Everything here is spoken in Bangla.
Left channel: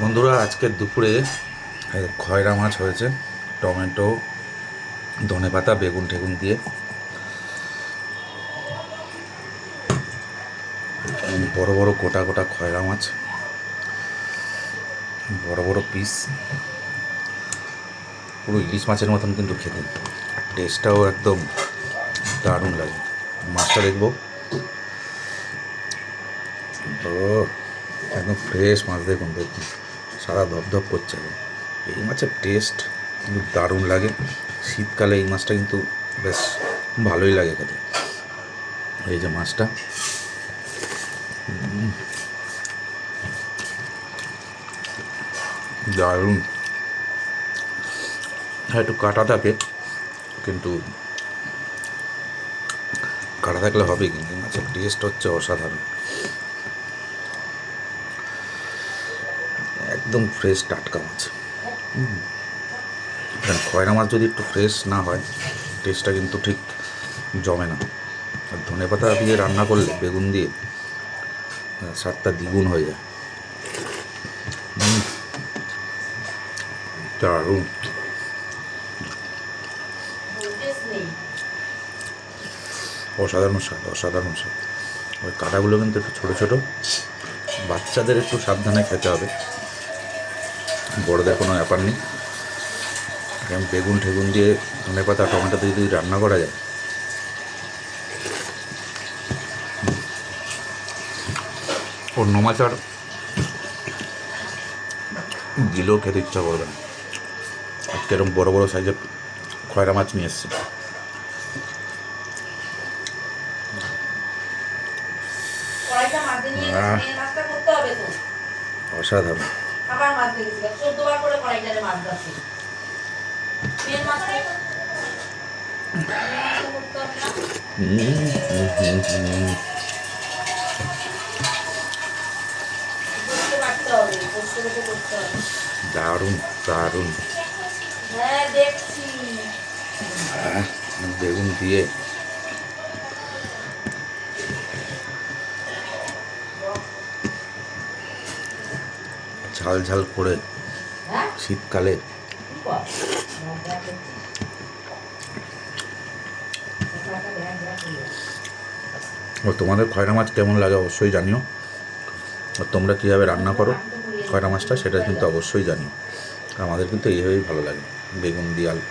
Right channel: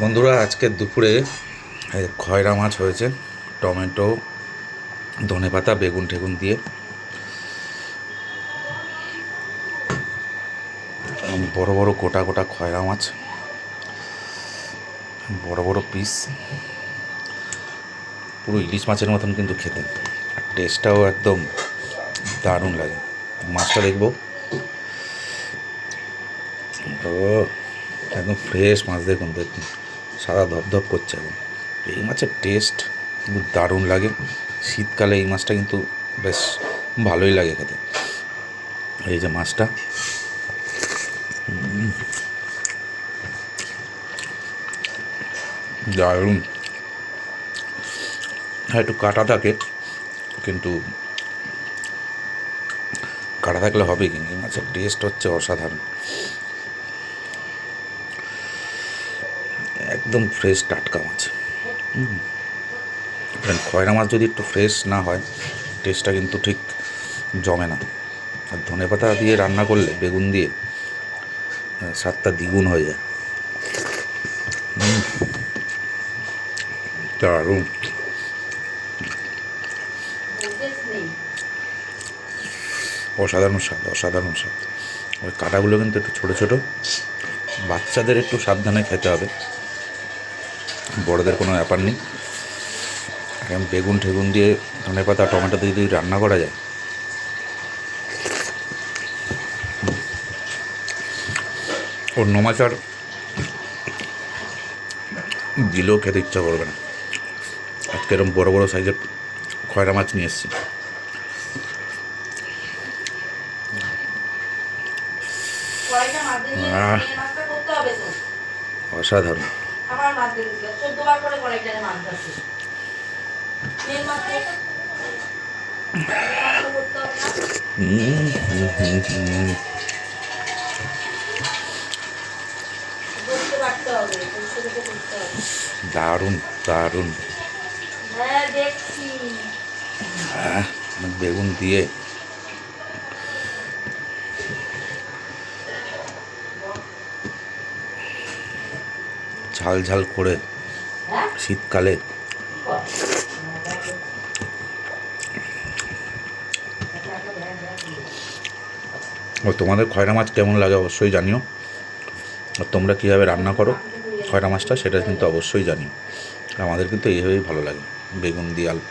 বন্ধুরা, আজকে দুপুরে খয়রা মাছ হয়েছে, টমেটো, ধনেপাতা, বেগুন টেগুন দিয়ে। বড় বড় গোটা গোটা খয়রা মাছ, বড় বড় পিস, পুরো ইলিশ মাছের মতন কিন্তু খেতে। টেস্টটাও একদম দারুণ লাগে। মাছটা দেখবো, ও একদম ফ্রেশ মাছ। দেখুন দেখুন, সাদা ধপধপ করছে একদম। এই মাছের টেস্ট কিন্তু দারুণ লাগে। শীতকালে এই মাছটা কিন্তু বেশ ভালোই লাগে খেতে। এই যে মাছটা, দারুণ। হ্যাঁ, একটু কাটা থাকে, কিন্তু কাটা থাকলে হবে, কিন্তু এই মাছের টেস্ট হচ্ছে অসাধারণ। একদম ফ্রেশ টাটকা মাছ। খয়রা মাছ যদি একটু ফ্রেশ না হয়, টেস্টটা কিন্তু ঠিক জমে না। আর ধনেপাতা দিয়ে রান্না করলে, বেগুন দিয়ে, স্বাদটা দ্বিগুণ হয়ে যায়। দারুণ। অসাধারণ স্বাদ, অসাধারণ স্বাদ। ওই কাঁটাগুলো কিন্তু একটু ছোটো ছোটো, বাচ্চাদের একটু সাবধানে খেতে হবে, বড়দের কোনো ব্যাপার নেই। বেগুন ঠেগুন দিয়ে, ধনেপাতা, টমেটো দিয়ে যদি রান্না করা যায়, অন্য মাছ আর দিলেও খেতে ইচ্ছা করবে না। আজকে এরকম বড়ো বড়ো সাইজের খয়রা মাছ নিয়ে এসেছি। অসাধারণ। দারুণ দারুণ। হ্যাঁ, বেগুন দিয়ে ঝাল ঝাল করে শীতকালে। ও, তোমাদের খয়রা মাছ কেমন লাগে অবশ্যই জানিও। আর তোমরা কীভাবে রান্না করো খয়রা মাছটা, সেটা কিন্তু অবশ্যই জানিও। আমাদের কিন্তু এইভাবেই ভালো লাগে, বেগুন দিয়ে আলু।